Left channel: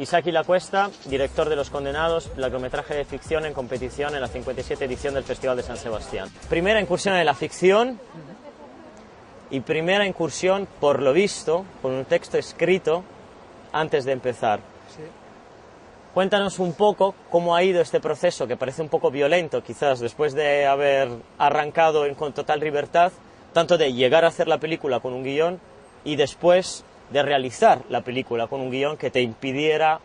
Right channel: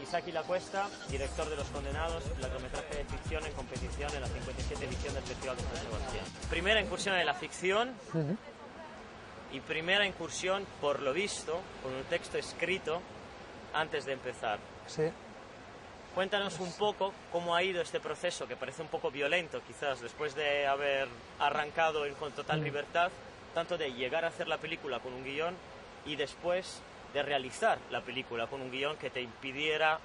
Isaki Lacuesta, director de Los Condenados, largometraje de ficción en competición en la 57 edición del Festival de San Sebastián. Primera incursión en la ficción y primera incursión, por lo visto, con un texto escrito antes de empezar. Sí. Cuéntanos un poco cómo ha ido este proceso, que parece un poco violento, quizás, después de haber arrancado con total libertad, tanto de llegar a hacer la película con un guión y después de realizar la película con un guión que te impidiera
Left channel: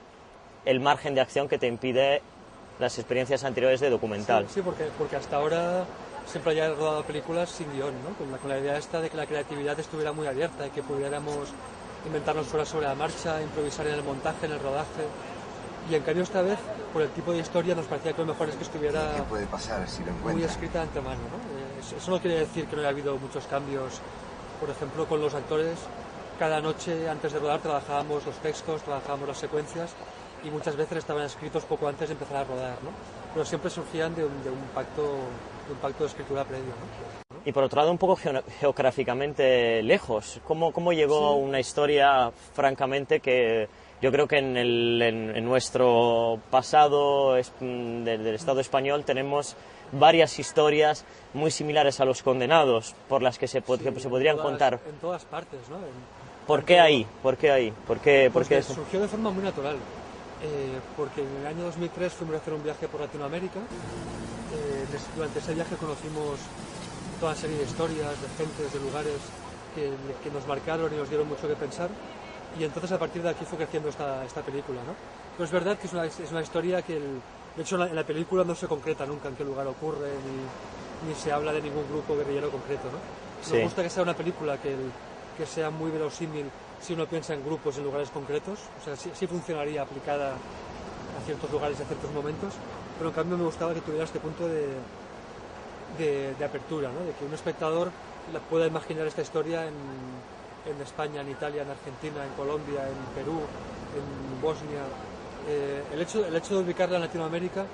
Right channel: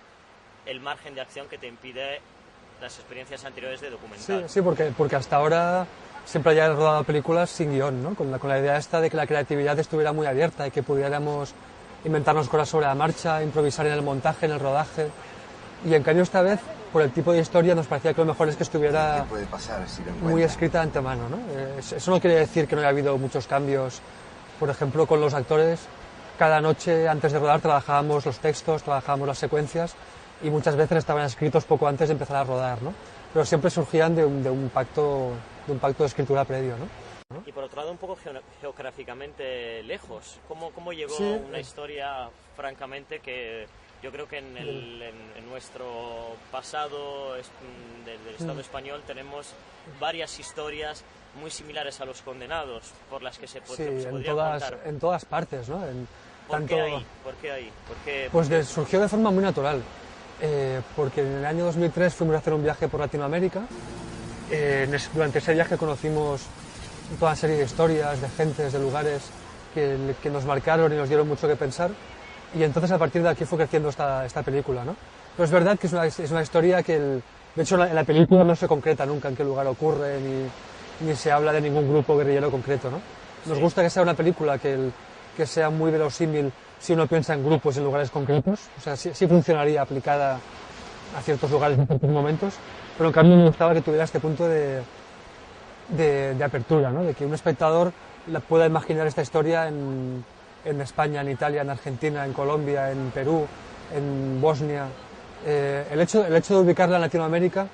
el margen de acción que te impide las experiencias anteriores de documental. Sí, porque hasta ahora siempre había rodado películas sin guión, ¿no? Con la idea esta de que la creatividad estuviera muy abierta y que pudiéramos inventarnos cosas sobre la marcha, improvisar en el montaje, en el rodaje. Y en cambio esta vez, por el tipo de historia, nos parecía que lo mejor es que estuviera ¿Qué puede pasar si lo muy encuentran? escrita de antemano, ¿no? Eso no quiere decir que no haya habido muchos cambios. Por ejemplo, con los actores, cada noche antes de rodar trabajábamos los textos, trabajábamos las secuencias y muchas veces estaban escritos poco antes de empezar a rodar, ¿no? Pero siempre surgían de un pacto de escritura previo, ¿no? Y por otro lado, un poco geográficamente lejos. ¿Cómo llegó Sí. una historia, francamente, que yo creo que en nuestro pasado del Estado español tenemos varias historias muy similares a Los Condenados, por las que se podrían contar? En todas partes, ¿no? ¿Por qué ahí? ¿Por qué ahí? Porque surgió de forma muy natural. Porque en el año 2003 fuimos a hacer un viaje por Latinoamérica. Durante ese viaje conocimos toda una serie de historias, de gentes, de lugares que nos marcaron y nos dieron mucho que pensar. Y entonces a partir de aquí fue creciendo esta película, ¿no? Pero es verdad que es una historia que, de hecho, en la película no se concreta nunca en qué lugar ocurre, ni se habla de ningún grupo guerrillero concreto, ¿no? Nos Sí. gusta que sea una película que sea muy verosímil si uno piensa en grupos, en lugares concretos. O sea, sí funcionaría aplicada a ciertos lugares en ciertos momentos, pero en cambio me gustaba que tuviera este punto de apertura, ¿no? De que un espectador pueda imaginar esta historia en España, en Italia, en Argentina, en Colombia, en Perú, en Bosnia. El hecho de ubicarla en Latinoamérica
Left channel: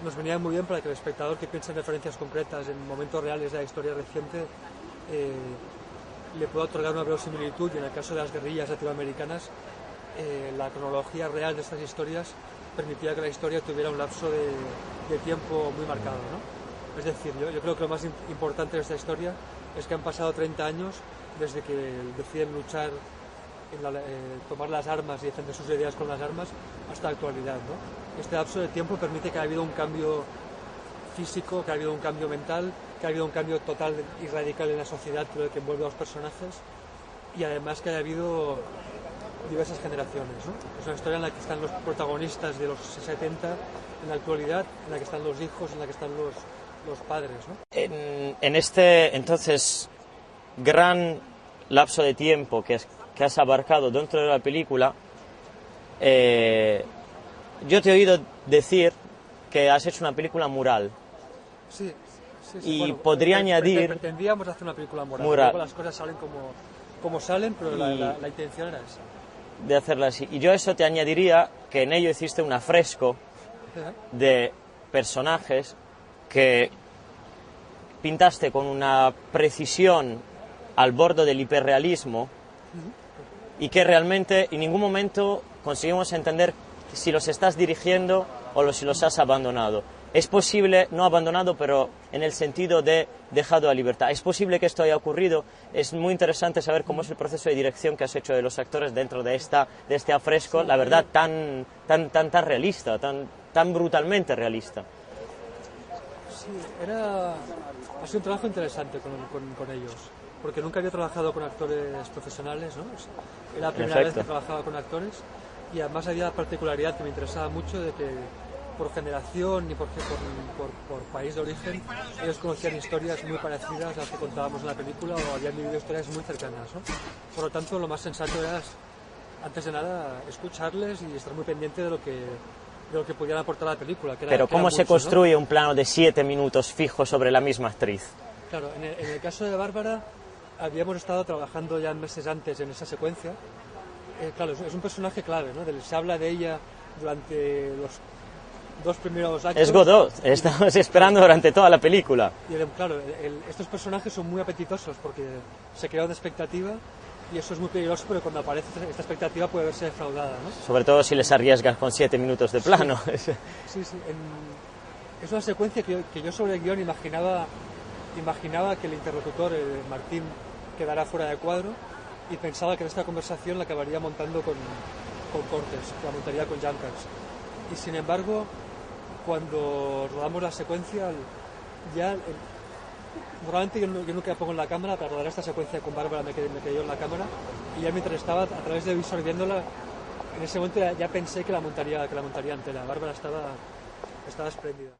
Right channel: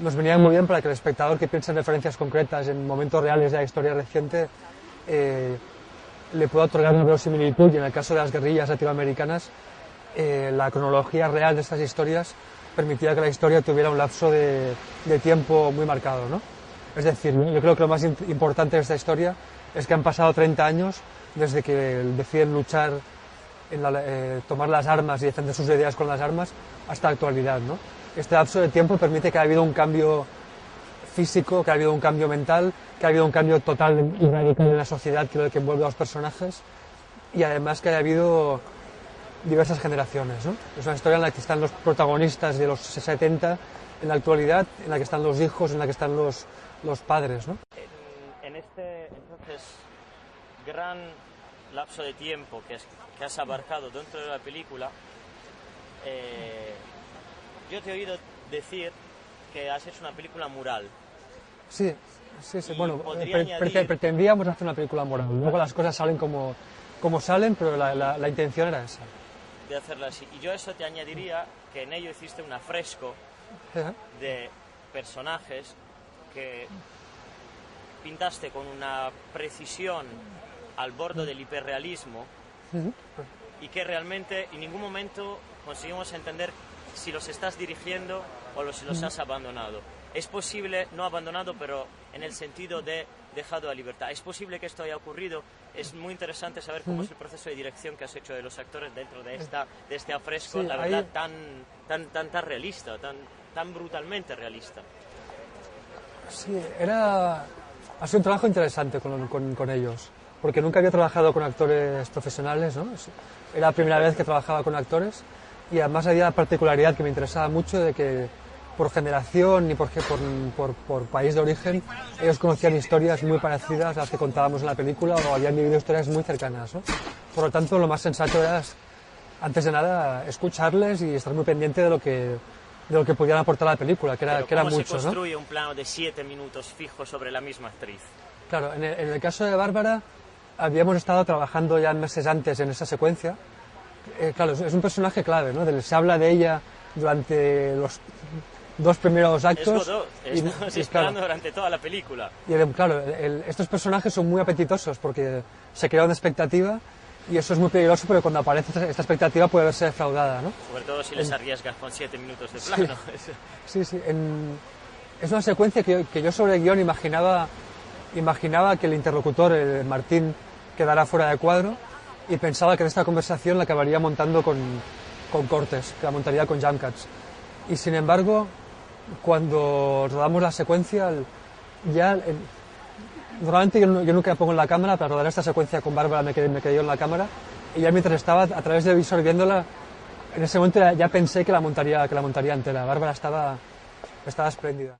nos venía muy bien para que el espectador que piensa en referencias concretas, en momentos reales de la historia reciente, le pueda otorgar una verosimilitud, y en el caso de las guerrillas latinoamericanas, la cronología real de estas historias permitía que la historia tuviera un lapso de tiempo muy marcado, ¿no? Es decir, yo creo que lo más importante de esta historia es que han pasado 30 años desde que deciden luchar, tomar las armas y defender sus ideas con las armas, hasta la actualidad, ¿no? Este lapso de tiempo permite que haya habido un cambio físico, que ha habido un cambio mental, que ha habido un cambio total y radical en la sociedad que envuelve a los personajes, y además que haya habido diversas generaciones, ¿no? Es una historia en la que están los protagonistas de los 70 en la actualidad, en la que están los hijos, en la que están los padres, ¿no? En este, entonces, gran lapso de tiempo que has abarcado dentro de la película, yo te he oído decir que has hecho una película mural. Sí. Y bueno, podría añadir... Pretendíamos hacer una película mural. Luego las cosas salen como salen, pero la intención era esa. De hacerla así. Y yo a eso te añadiría que en ello hiciste un afresco de personajes que pintaste con una precisión al borde del hiperrealismo y que realmente en ningún momento conseguimos entender si los estás dirigiendo o si los has abandonado. Es posible, no abandonado, pero en el sentido de dejado a libertad. Es posible que esto haya ocurrido. Es muy interesante saber cómo es el proceso de dirección que has hecho de los actores dentro de este afresco, Sí, la verdad, tan realista, tan brutalmente realista. Sí, ha sido un trabajo interesante con ellos, porque nunca había trabajado con actores profesionales, ¿no? Era la primera vez que trabajaba con actores, y además había la particularidad que me interesaba mucho de que por generación y por país de origen ellos conocían historias muy parecidas a las que contábamos en la película, o habían vivido historias muy cercanas, ¿no? Por lo tanto, lo más sensato era, antes de nada, escucharles y estar muy pendiente de lo que podían aportar a la película. Pero ¿cómo se construye un plano de 7 minutos fijo sobre la misma actriz? Claro, en el caso de Bárbara habíamos estado trabajando ya meses antes en esa secuencia. Claro, es un personaje clave, ¿no? Se habla de ella durante los 2 primeros actos. Es Godot, estamos esperando durante toda la película. Y claro, estos personajes son muy apetitosos porque se crea una expectativa Y eso es muy peligroso porque cuando aparece esta expectativa puede verse defraudada, ¿no? Sobre todo si les arriesgas con 7 minutos de plano. Sí, sí. Es una secuencia que yo sobre el guión imaginaba que el interlocutor, el Martín, quedara fuera de cuadro y pensaba que esta conversación la acabaría montando con cortes, que la montaría con jump cuts. Y sin embargo, cuando rodamos la secuencia, normalmente yo nunca me pongo en la cámara, para rodar esta secuencia con Bárbara me quedé yo en la cámara, y ya mientras estaba a través del visor viéndola, en ese momento ya pensé que la montaría entera. Bárbara estaba espléndida.